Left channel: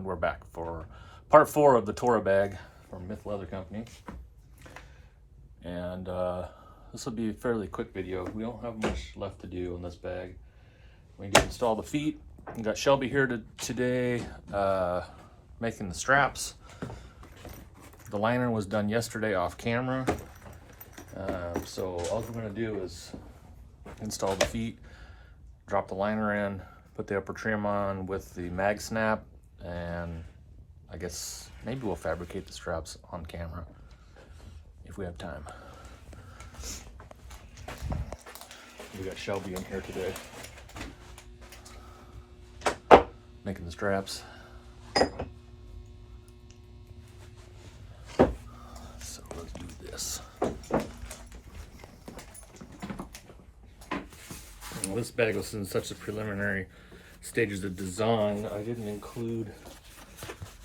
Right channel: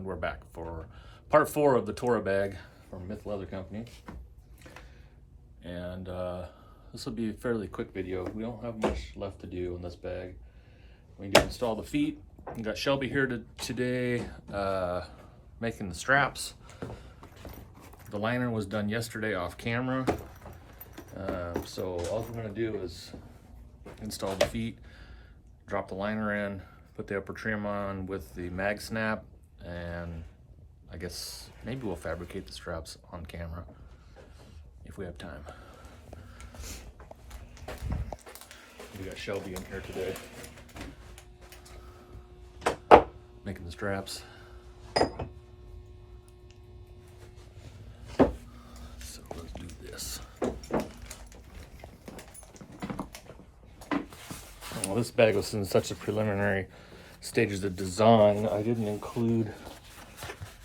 And we're back for part 4 of the TORA bag from Myth Leather Company. And this will be a fairly quick video. We don't have much left to do in this bag. We need to install the feet. We got Shelby here today making the straps. The liner was done yesterday off camera. So all we're going to do is install the feet, drop the liner in, put the upper trim on with the mag snap, and I guess maybe we'll fabricate the straps on camera if we have time. We got Shelby in here today making the straps. So let's do this. Well, this bag was in such a preliminary stages of design, I didn't include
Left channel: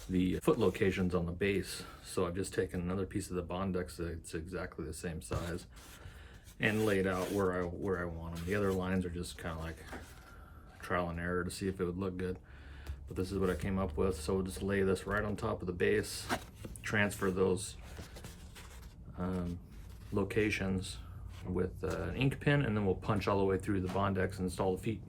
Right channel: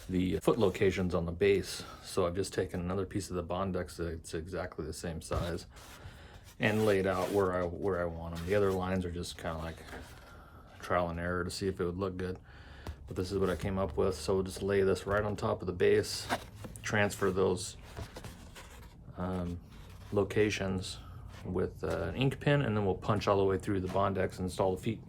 the foot locations on the base. So I've just taken another piece of the Bondex that's exactly the same size and laid out where I want them. The other lines are just kind of like trial and error to see if it would look good. But this is what I came up with. So we'll just lay this right on top of the base, transfer those locations with an ink pen, and then we'll punch all the way through the Bondex and install the feet.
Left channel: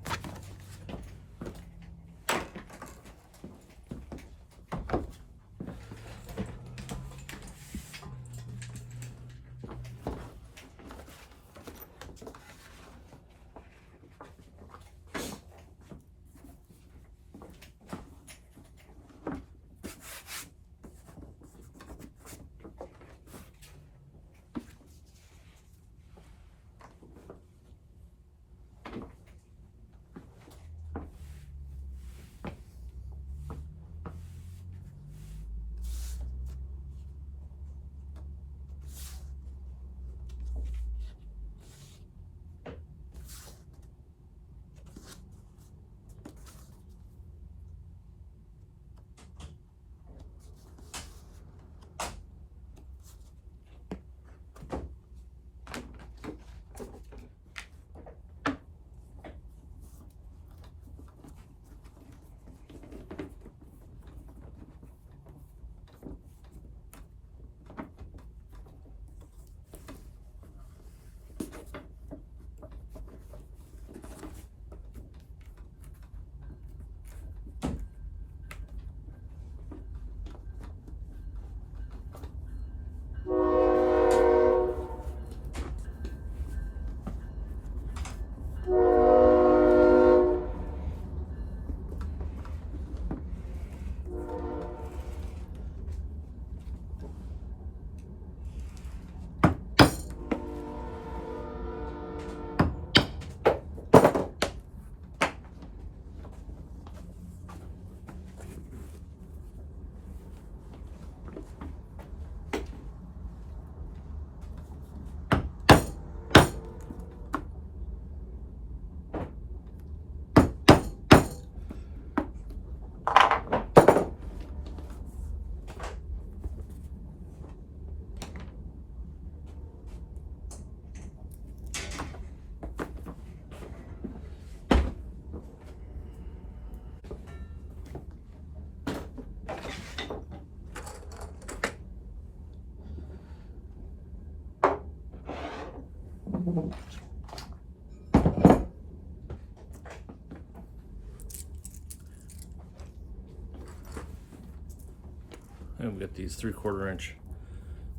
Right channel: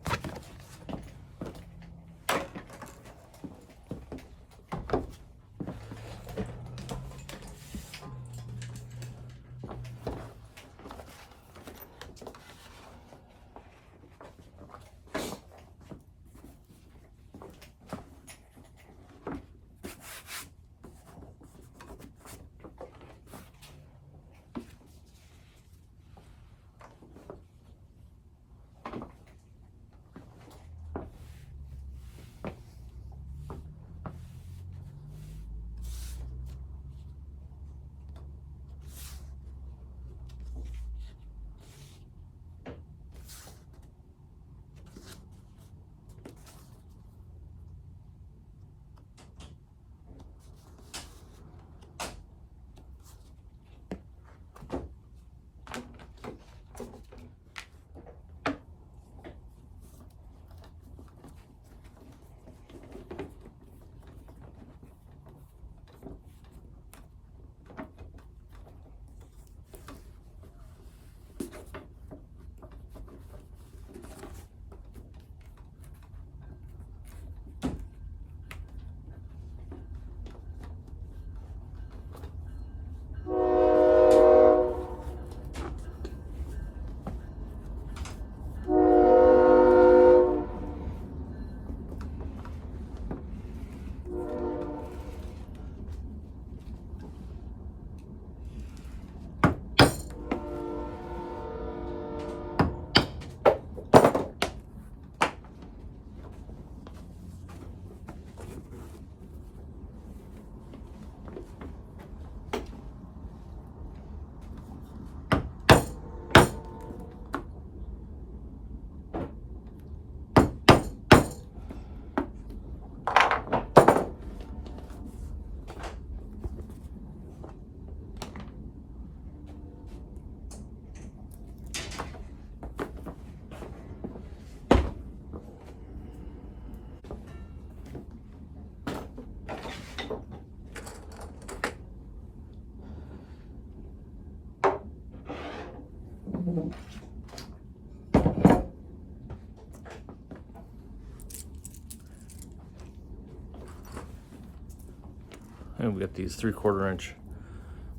And we got these 3/4 inch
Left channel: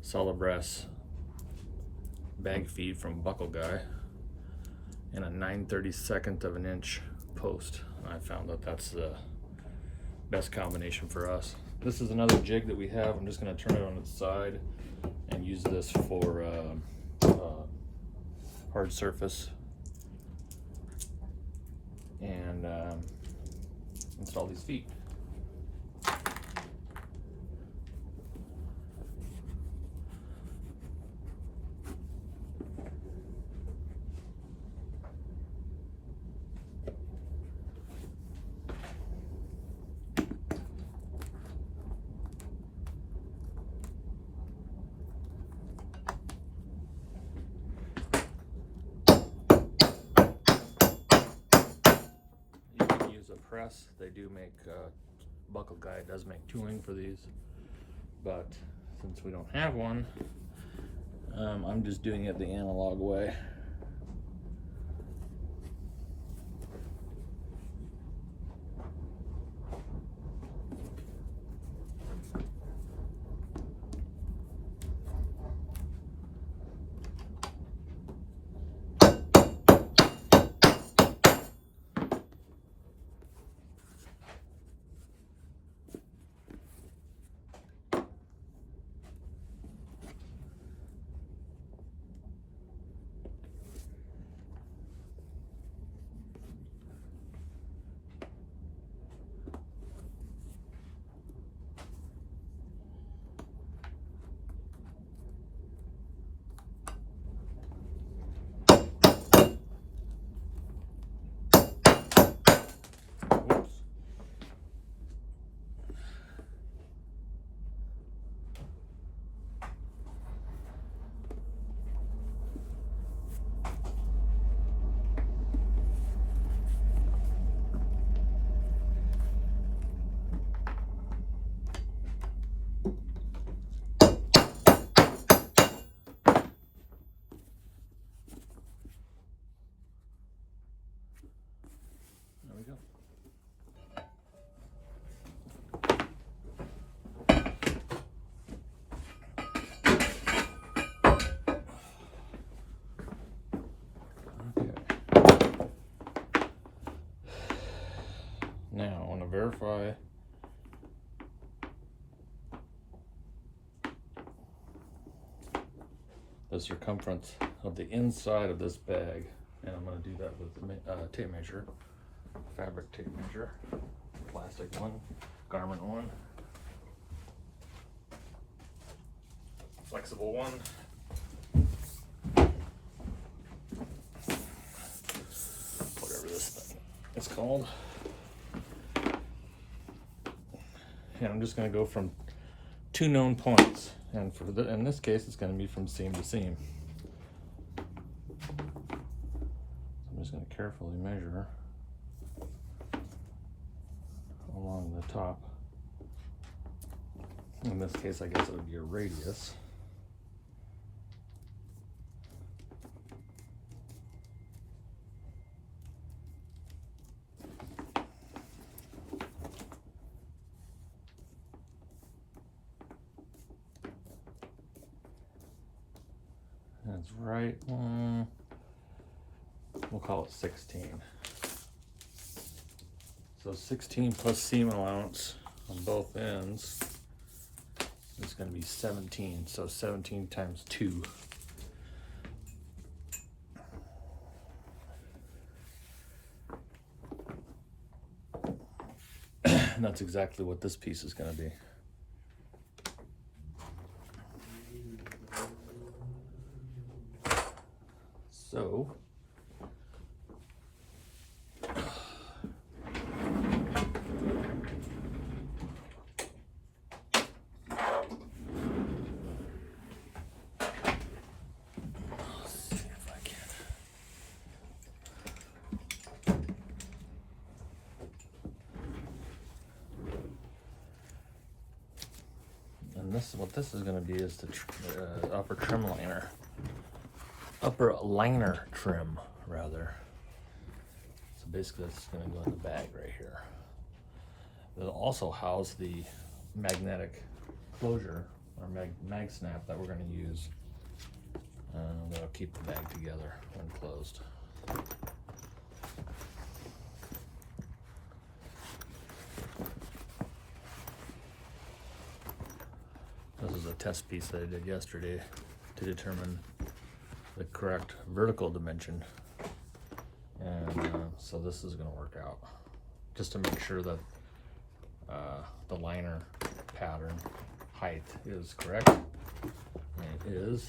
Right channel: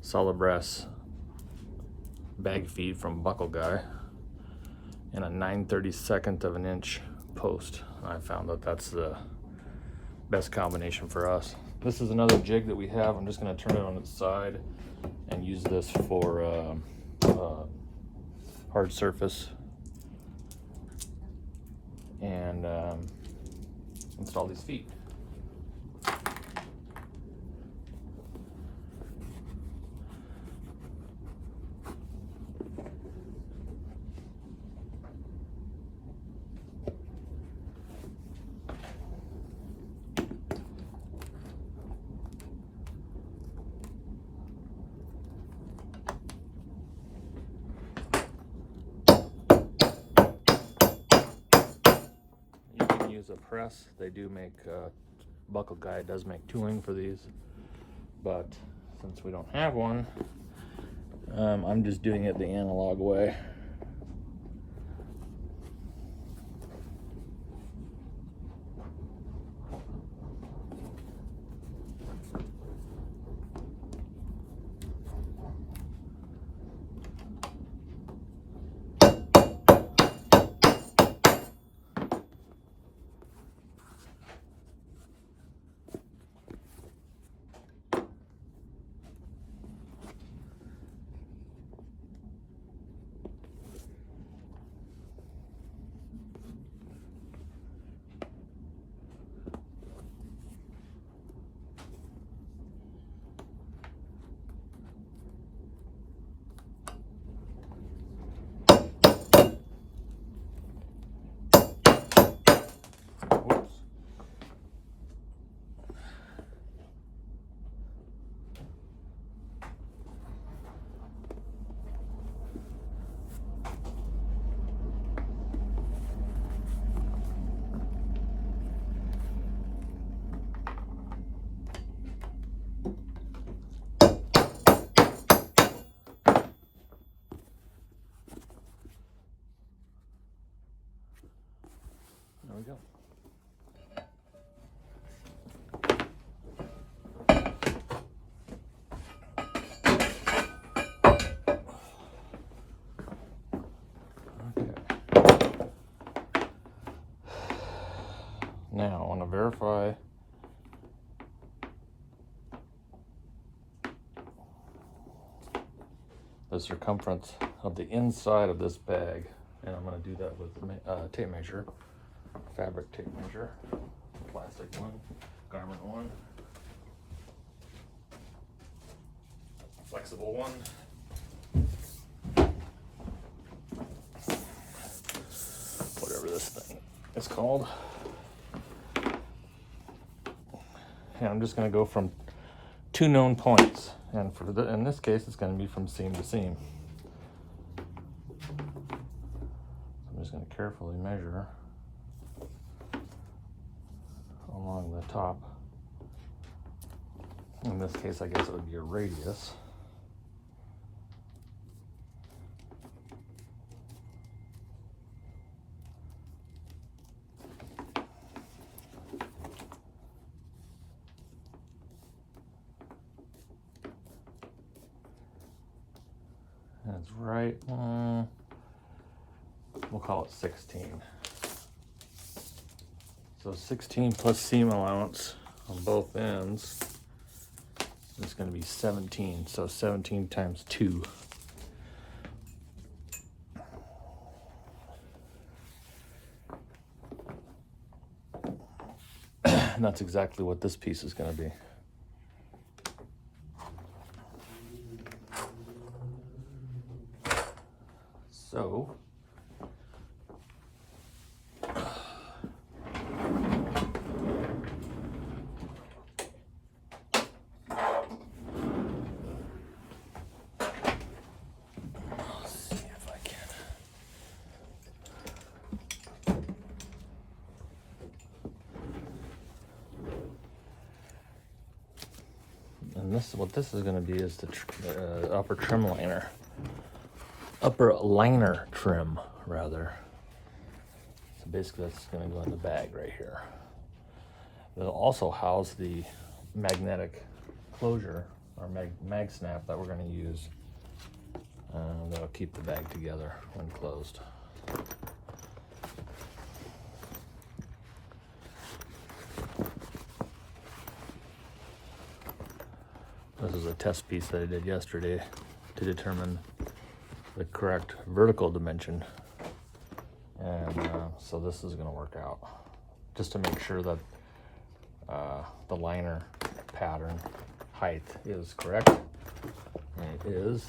solid brass bag feed from Buckle Guy and a 9/32 of an inch post. I found that that's the best combination for us. This is another jig that we have. I'm just going to turn it on its side and use this for hard surface and install these feet. Press. They do make buckle guy does make tooling for these, but since we don't have one, I'm just doing it the analog way. There we go. Now I want to verify the circumference of the inside of this bag, and I'm going to do that with a tape measure, fabric tape measure, plastic one, garment one, flexible one, whatever this thing is called. And I'm just going to go from 2 known points, and in this case it's going to be from seam to seam. So I'm just going to carefully measure along the top. In this case, I guess it would be a radius. That's right. We'll call it 16. So 16 plus seam allowance on both ends is going to be 17. So 17 times 2. And that's exactly what this piece is going to be. So what this is going to be is the upper trim liner. Upper liner trim, rather. So basically that's going to go in the bag right here. It'll also house the magnetic closure, or mag snap that we're going to use. That'll keep the bag together when closed. This is a test piece that I did yesterday to determine the correct vertical dimension, and so this is going to work out, just to make sure that the liner pattern height is correct, and it is.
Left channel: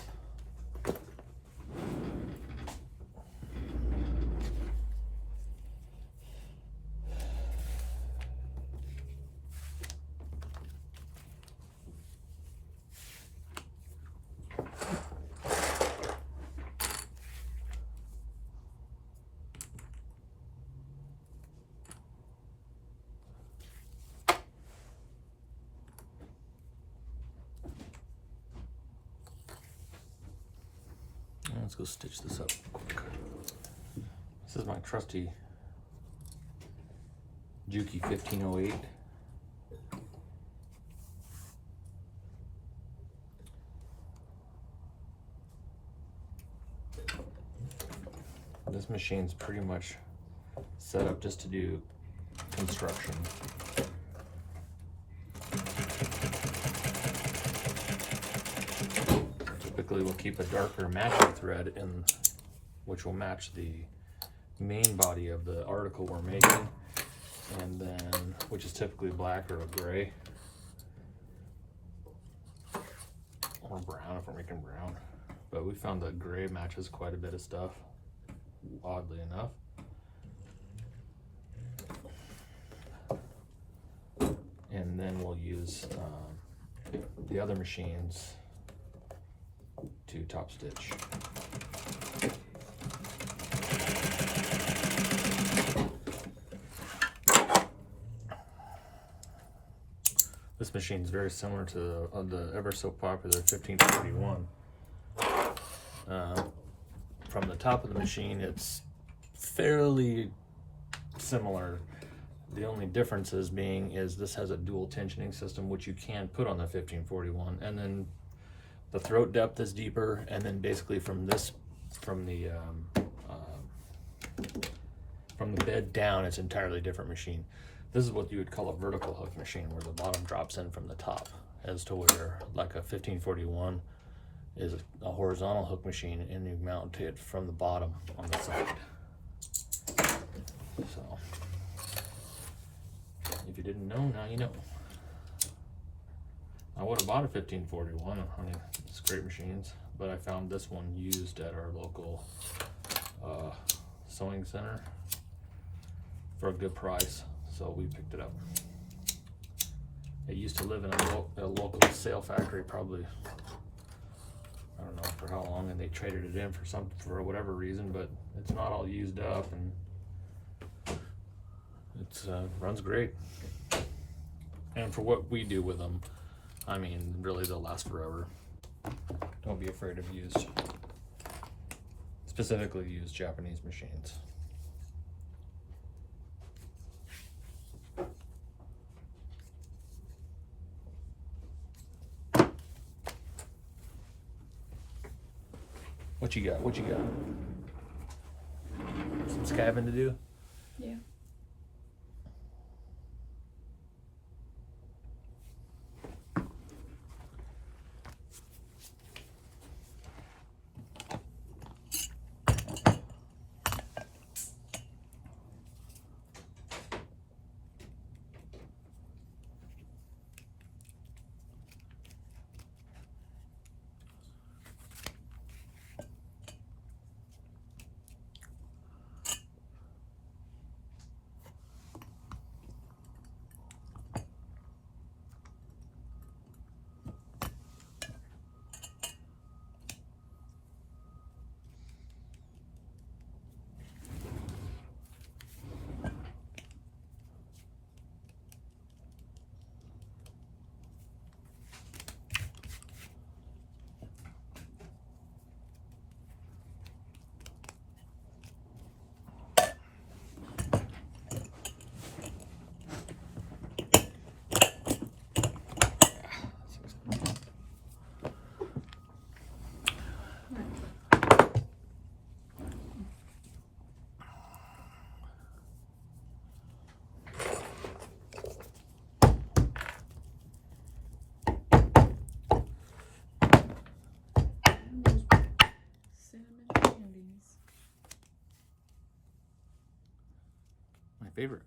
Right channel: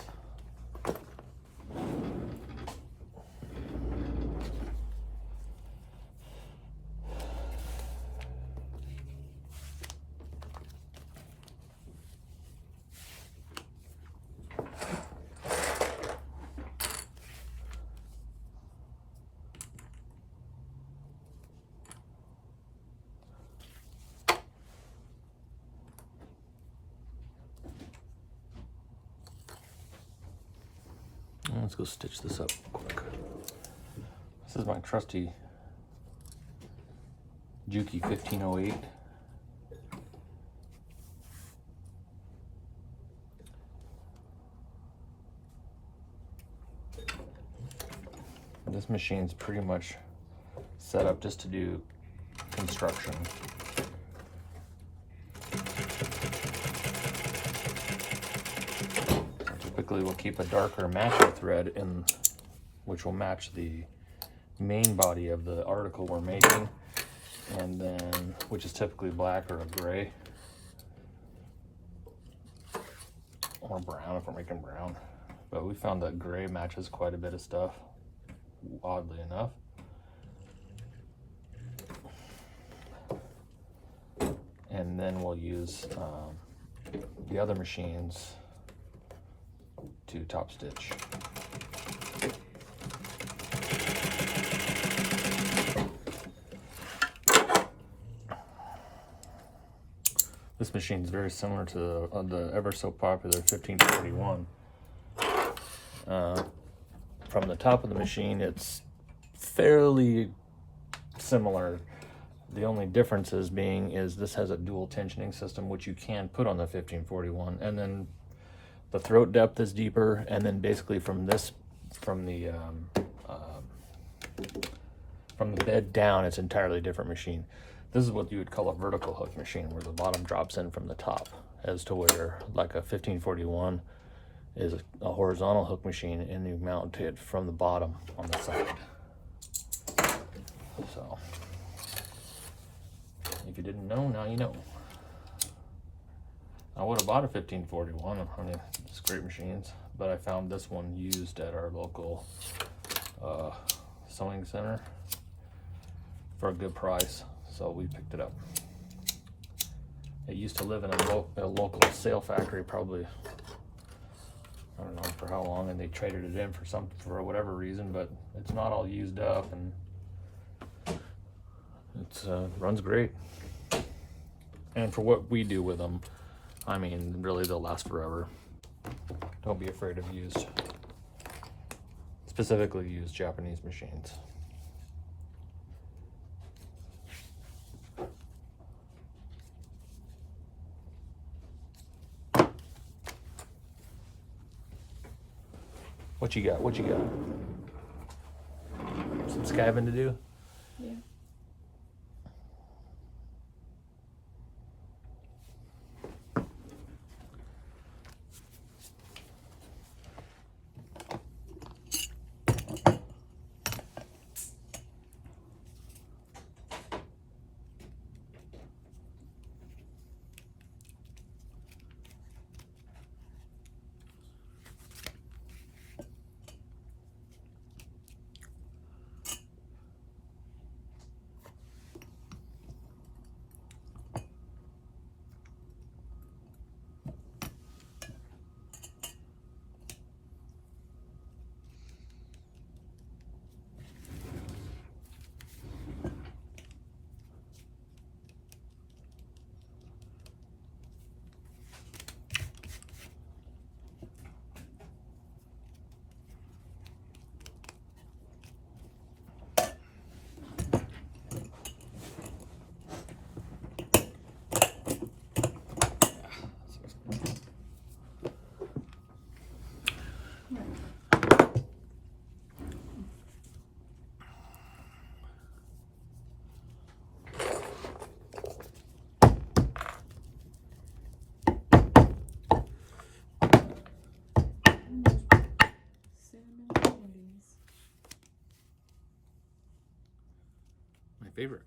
Let's go stitch this up quick. This is my trusty Juki 1508. This machine's pretty much set up just to do construction. Typically we'll keep a darker matching thread in, which will match the main body of the article we're making, and then which is typically black or a gray or brown if we're making brown. But we found that gray matches quite a bit of stuff, oddly enough. And then we'll use the other machines to top stitch. This machine is very similar to the ever so popular 1541. From the top of the machine, it's fairly similar. The only differences being is this has a dual tensioning system, which you can put on the 1541, and then the throat depth is deeper, and then basically from the bed down, it's an entirely different machine. This is what you would call a vertical hook machine, where the bottom drops in from the top, as to where like a 1541 is a horizontal hook machine, and you mount it from the bottom on the side. So if you didn't know, now you know. I would have bought a 1541, one of these great machines, but I found this one used at our local sewing center for a good price, so we picked it up. It used to live in a local sail factory, probably, I don't know for how long, and they traded it in for whatever reason, but it's not all used up, and it's runs great. And for what we do with them, I mean, really, they'll last forever. Don't be afraid of specifically used Japanese machines. What you got? What you got? Some scabbing to do? Yeah. My favorite.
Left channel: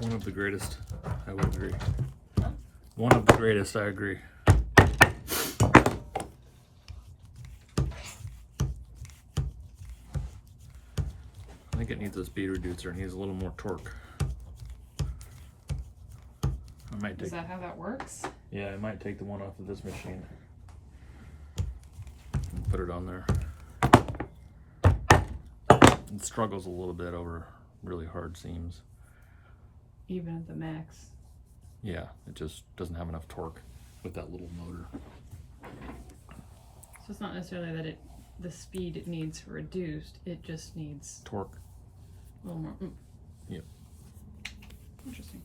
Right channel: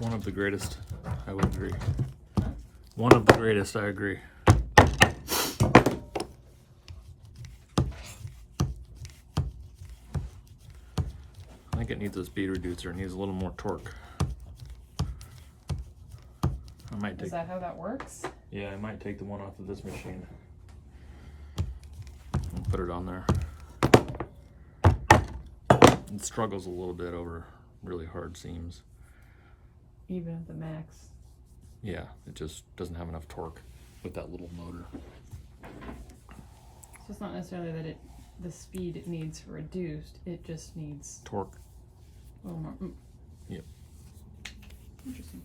One of the greatest, I would agree. One of the greatest, I agree. I think it needs a speed reducer. It needs a little more torque. I might take. Is that how that works? Yeah, I might take the one off of this machine and put it on there. It struggles a little bit over really hard seams. Even at the max. Yeah, it just doesn't have enough torque with that little motor. So it's not necessarily that the speed it needs reduced, it just needs Torque. a little more. Yep. Interesting.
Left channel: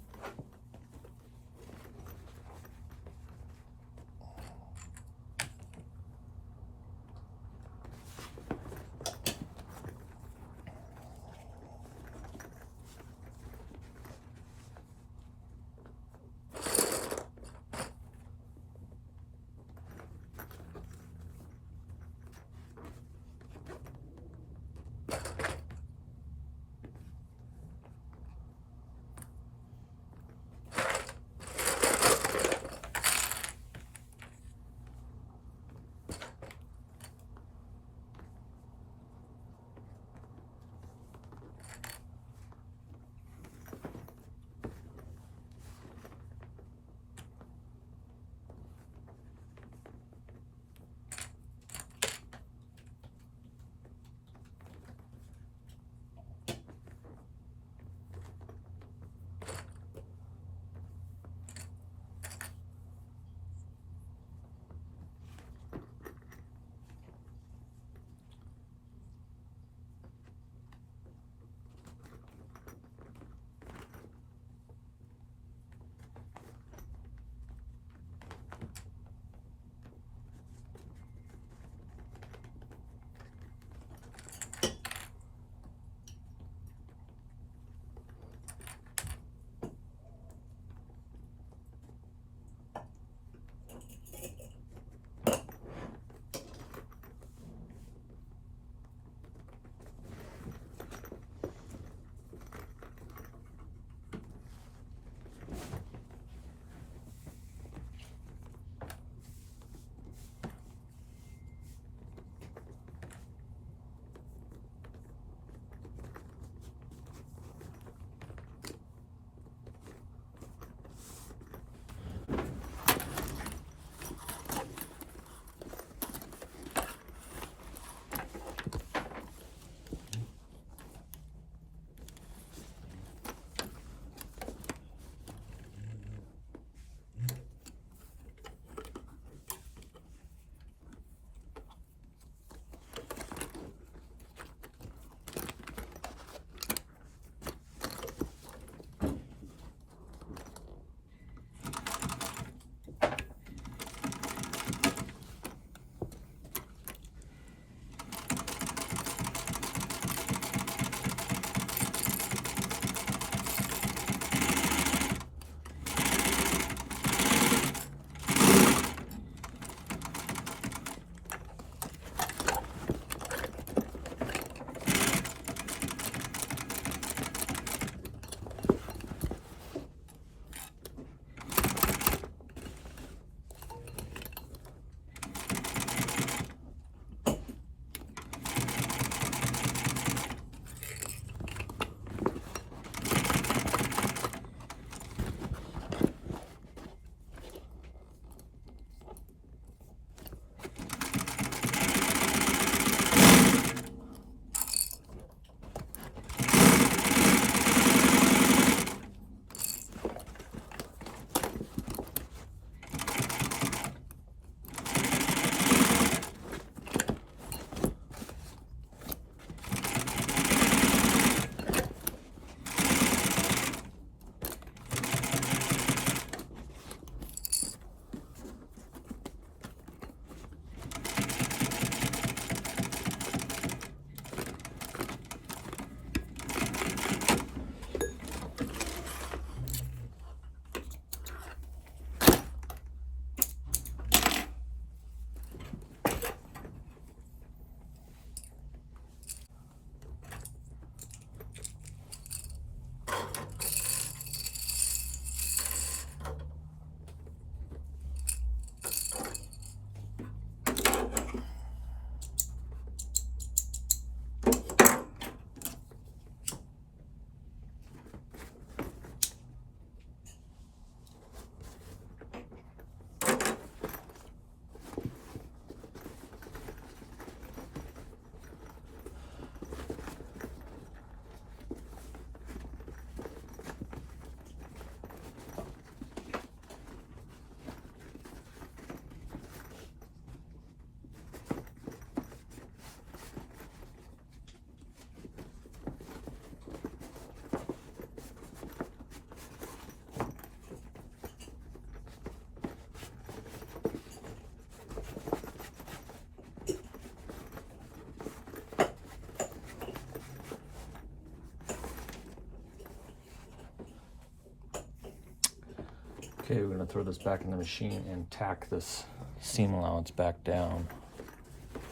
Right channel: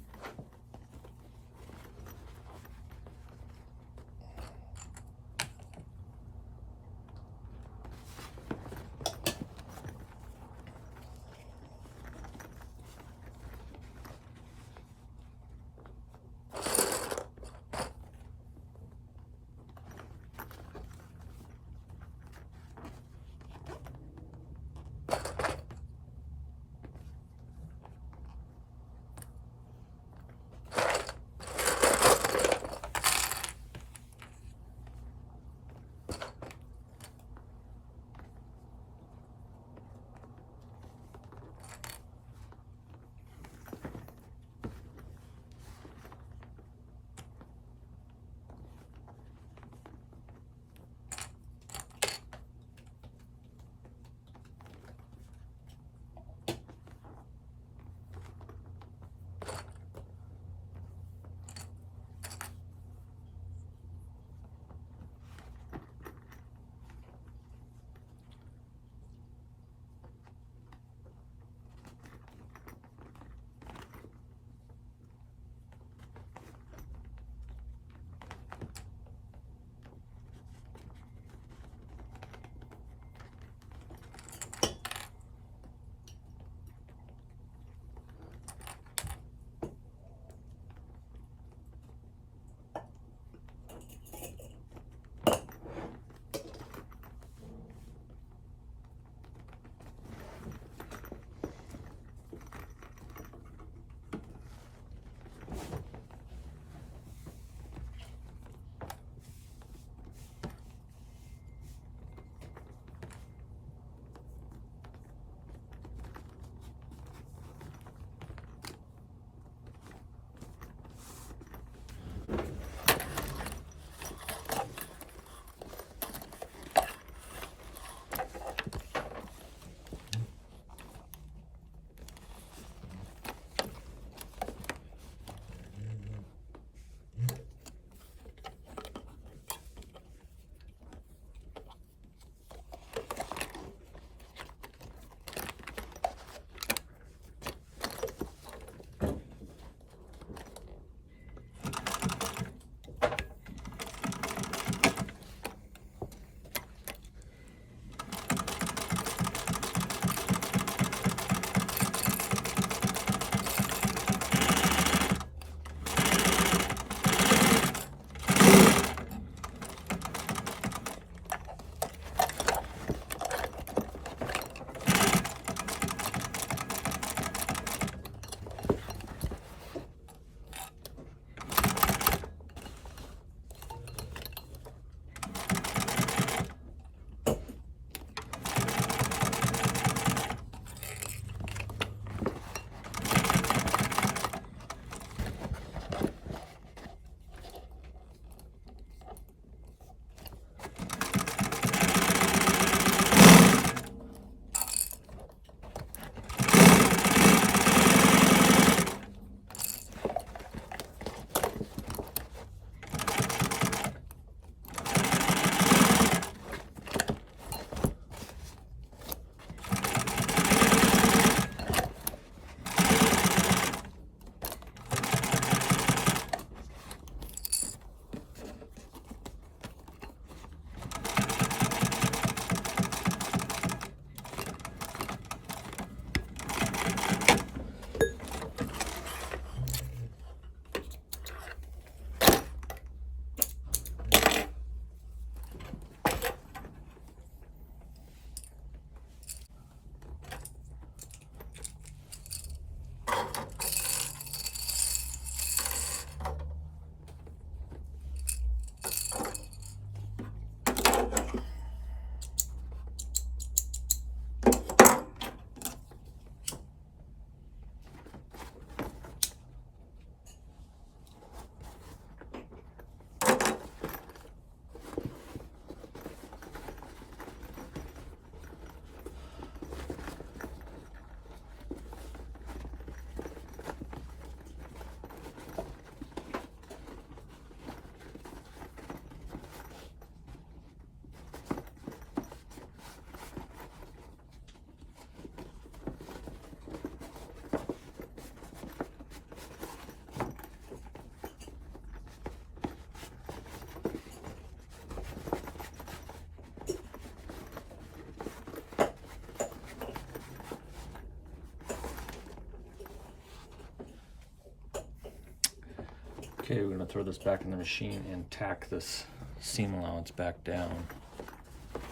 Okay, we're gonna throw this back in the machine and tack this seam allowance back down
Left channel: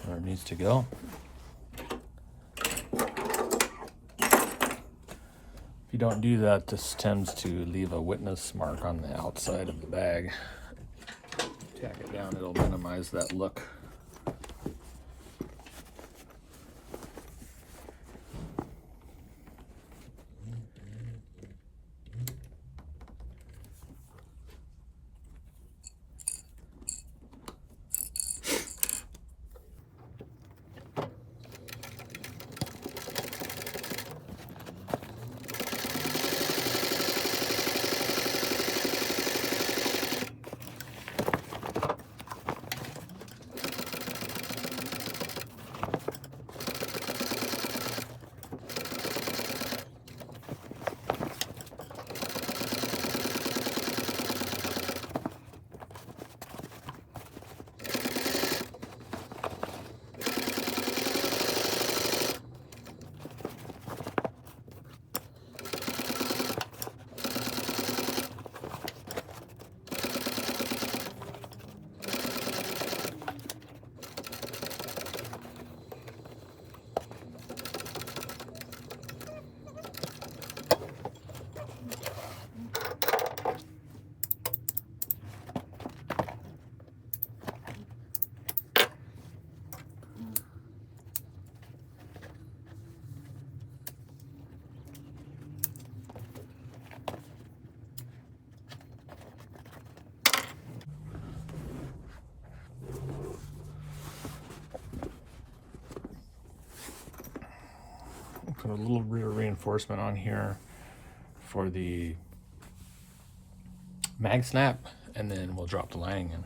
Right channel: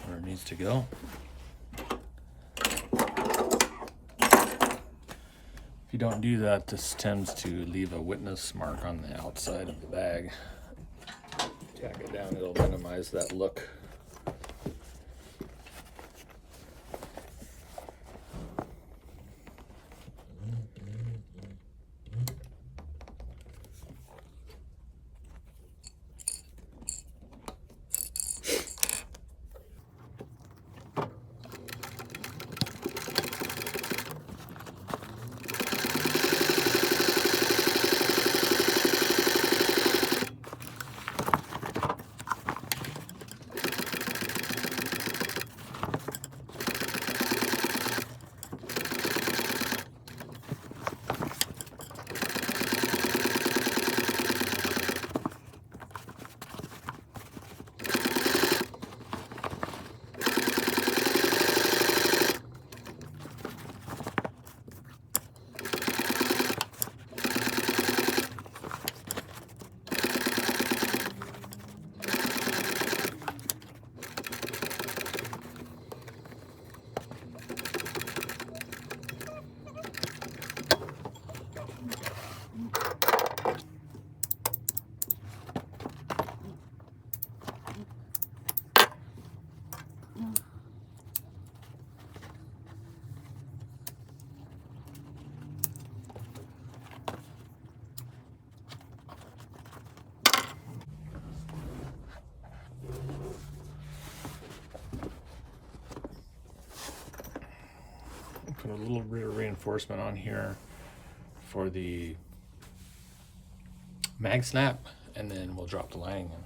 where it needs to go. If you don't do that, this tends to leave a witness mark on the outside of the bag. Tack it down, it'll minimize that look. Put a little bit of reinforcement on here for the mag snap, and then we'll drop the lining in.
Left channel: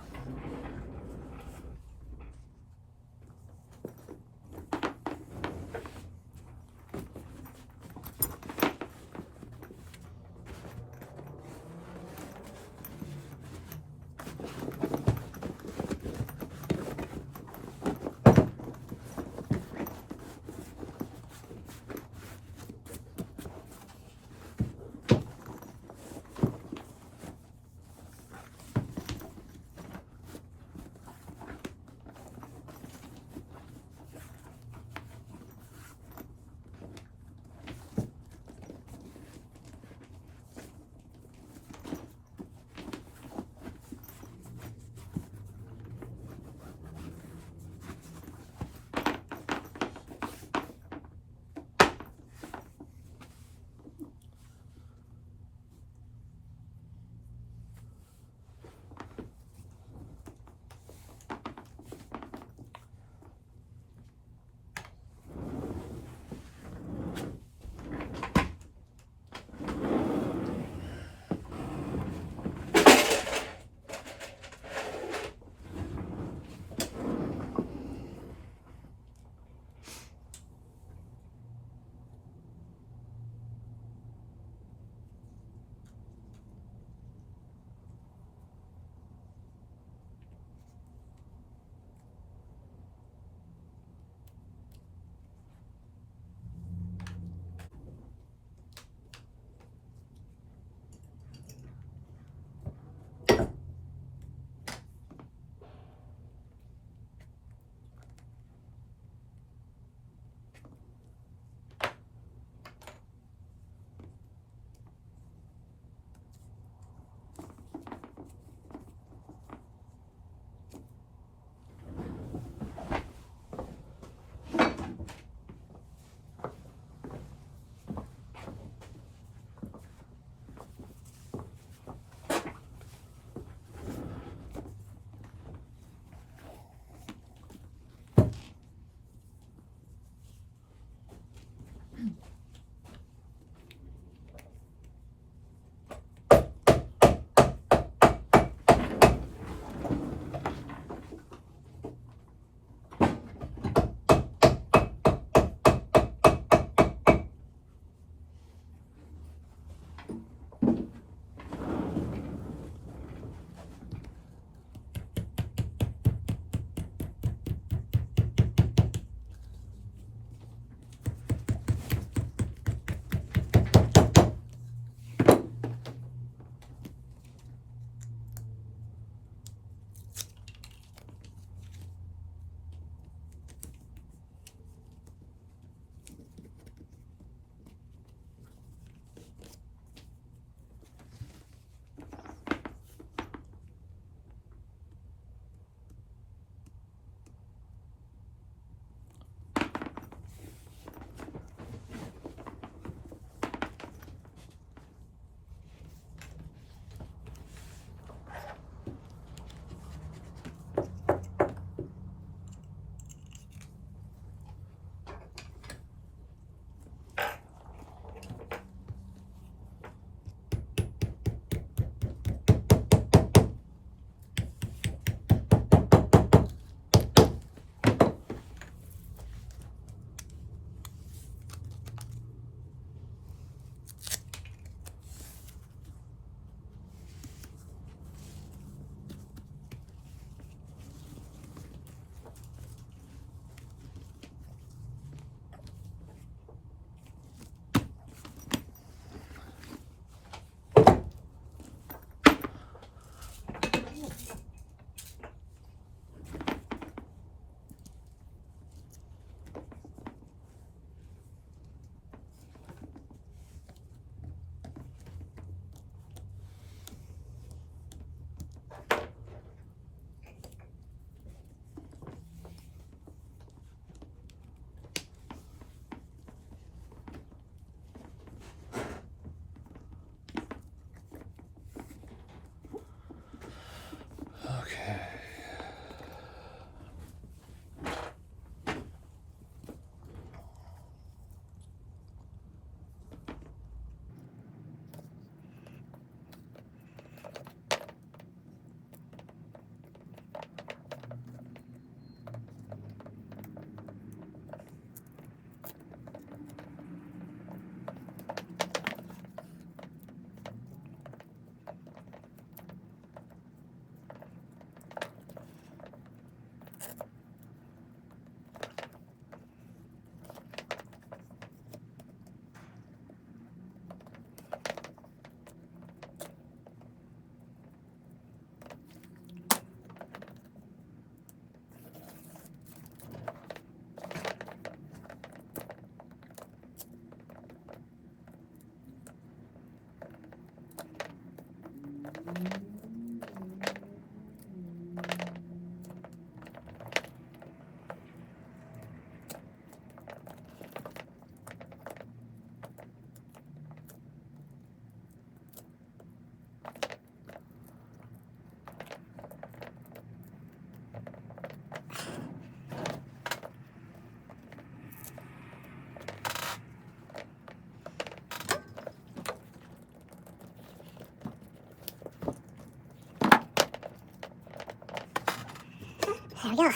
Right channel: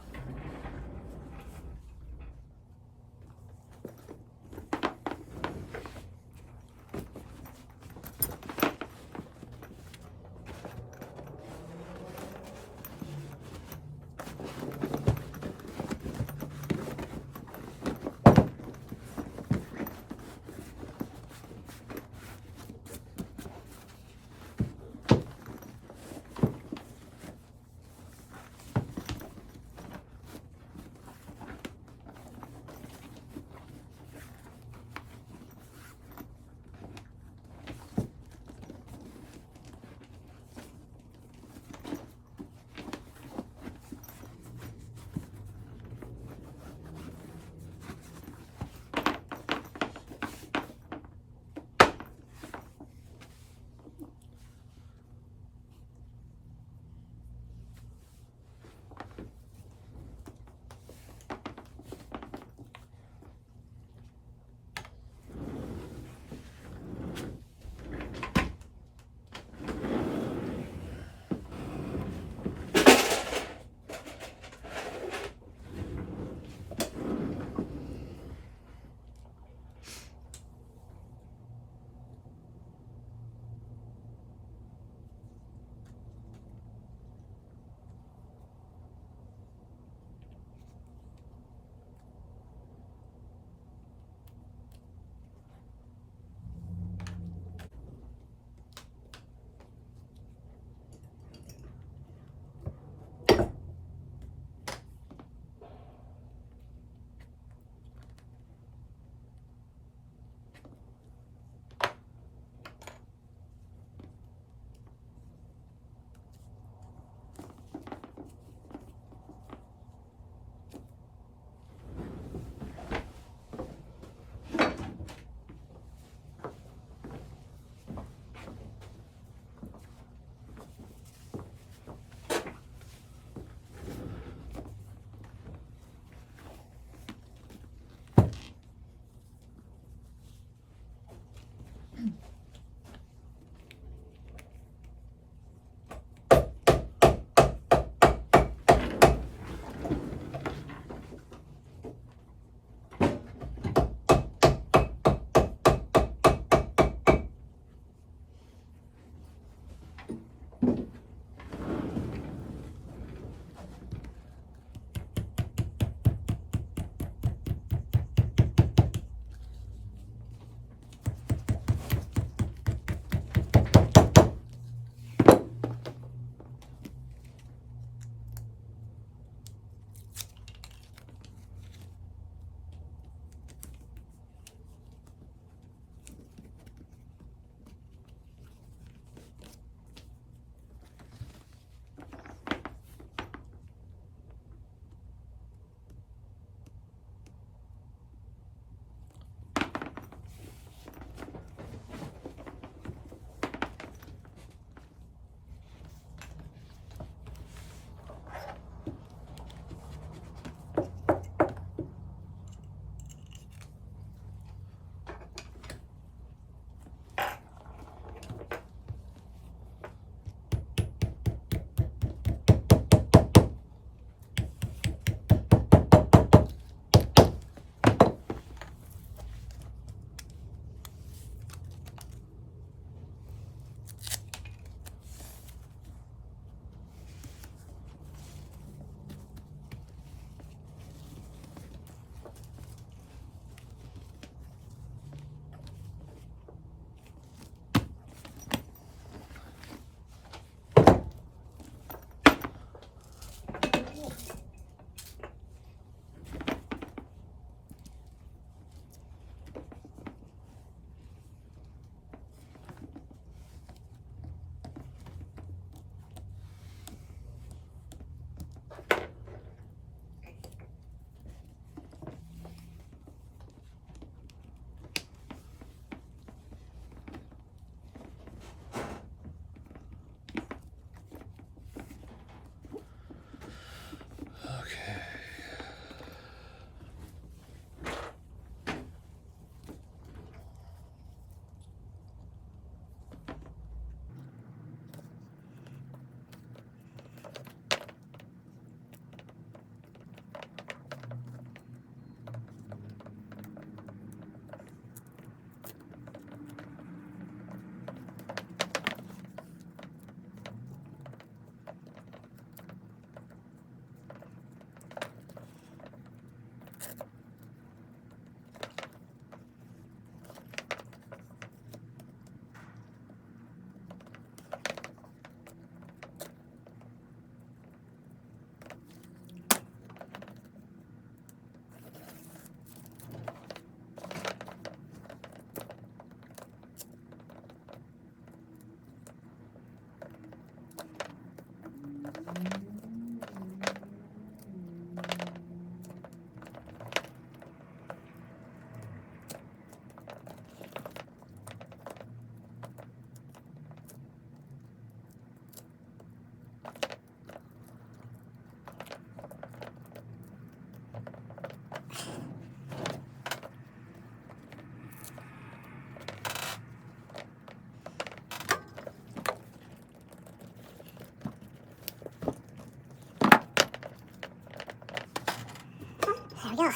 go.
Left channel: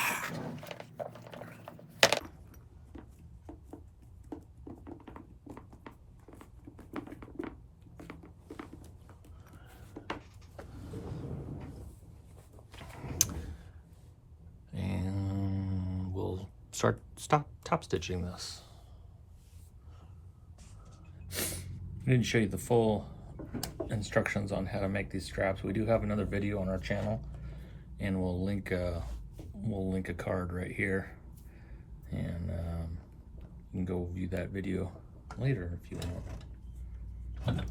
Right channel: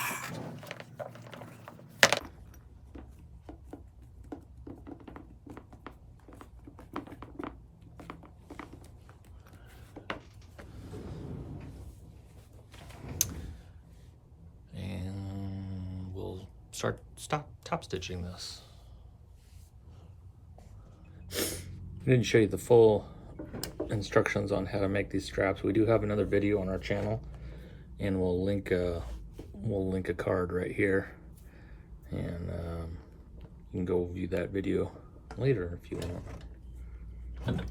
And we'll top stitching this. I didn't show you the full instructions on how to make these straps. We do have another video on our channel, and we'll link a card right here, and you can go view that video later if you want.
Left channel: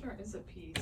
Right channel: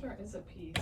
Sure is a piece.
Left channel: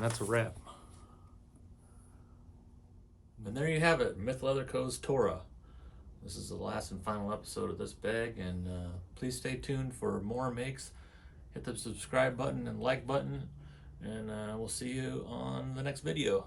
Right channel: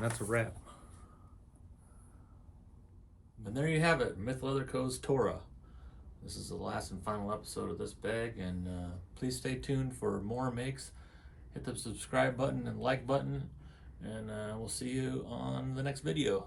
And that's a wrap. And there you have it, Myth Leather Co.'s TORA. This is the last and final episode of this bag, and please stay tuned for more makes. Hit the subscribe button and like button, and we'll see you on the next video.